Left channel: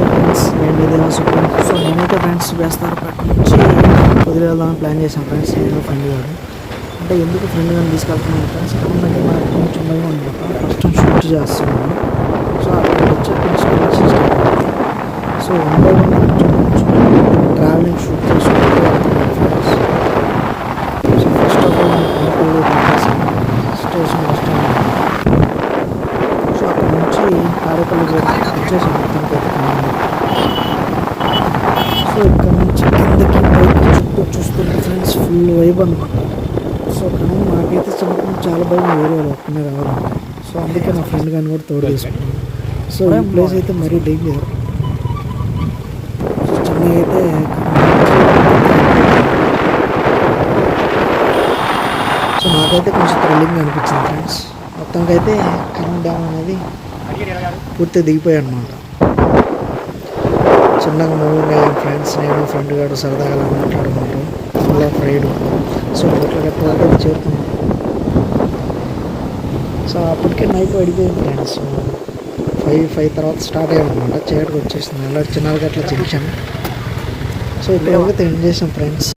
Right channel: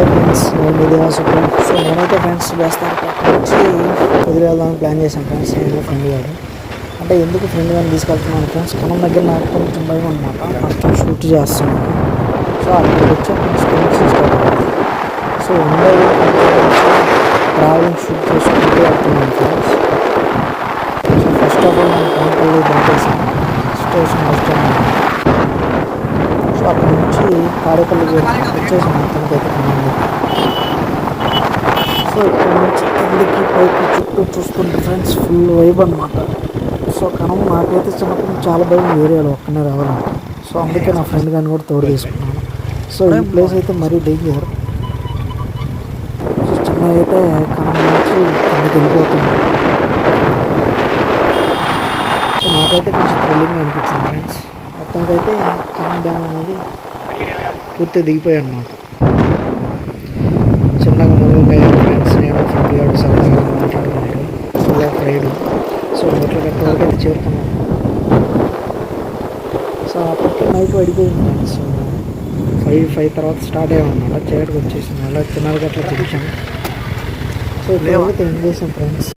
Hi friends నేను ఇది supreme so నేనైతే ఫ్రెండ్స్ వేస్తారు నుంచి వదిలి వెళ్దామని ప్లాన్ చేశాను. ఫ్రెండ్స్ నేను ఫ్రెండ్ గారు అంటే ఎందుకు ఫ్రెండ్ గారిని తీసుకెళ్తున్నాను ఫ్రెండ్స్ కనం దగ్గర నాకు కొంచెం భయం అనమాట కొంచెం షూట్ చేస్తున్నాను. సో అక్కడికి వచ్చే కొంచెం tension so one by one travelling shoot చేసుకుంటూ వెళ్తున్నాను friends so first of all నేను కనపల్లి దాటేసాను స్టేషన్ బస్ సో అక్కడ నుంచి కారేపల్లి వచ్చేసాను మొత్తానికి అయితే కనండి సో ఇక్కడ నుంచి కిందకి పైకి చుట్టూ చూస్తుంటే ఫ్రెండ్స్ ఫుల్ వైబ్ అనమాట సో కనం నాకైతే చిన్నప్పుడు చాలా భయం ఏరియాలో ఒక్కనే రావాలంటే సో అందుకే నా ఫ్రెండ్ కానీ కూడా తోడు తీసుకున్నాను సో ఈ ప్లేస్ అయితే మరీ డేంజర్ చిన్నగా అయితే సో నాకైతే కొంచెం థ్రిల్లింగ్ అనిపించింది ఫ్రెండ్స్ మొత్తంకి అయితే కనం డ్యామ్ అనేది పూర్తి దిగిపోయాయి అనమాట చిన్నగా మూవింగ్ అయ్యాను ఫ్రెండ్స్ నేను ఫ్రెండ్ గారు సరదాగా మాట్లాడుకుంటూ ఫుల్ ఆఫ్ రైడ్ సో మెట్ల గట్ట వరకు అయితే చేరుకున్నాం. సో అప్పటికే నైట్ పడిపోయింది ఫ్రెండ్స్ ఫైవ్ ఫైవ్ తర్వాత స్టార్ట్ అయ్యామన్నమాట చీకటికి వచ్చేసింది. అలా చిన్నగా అట్లా చేశాను సో ఇప్పుడు ఎండ్ చేసాం ఫ్రెండ్స్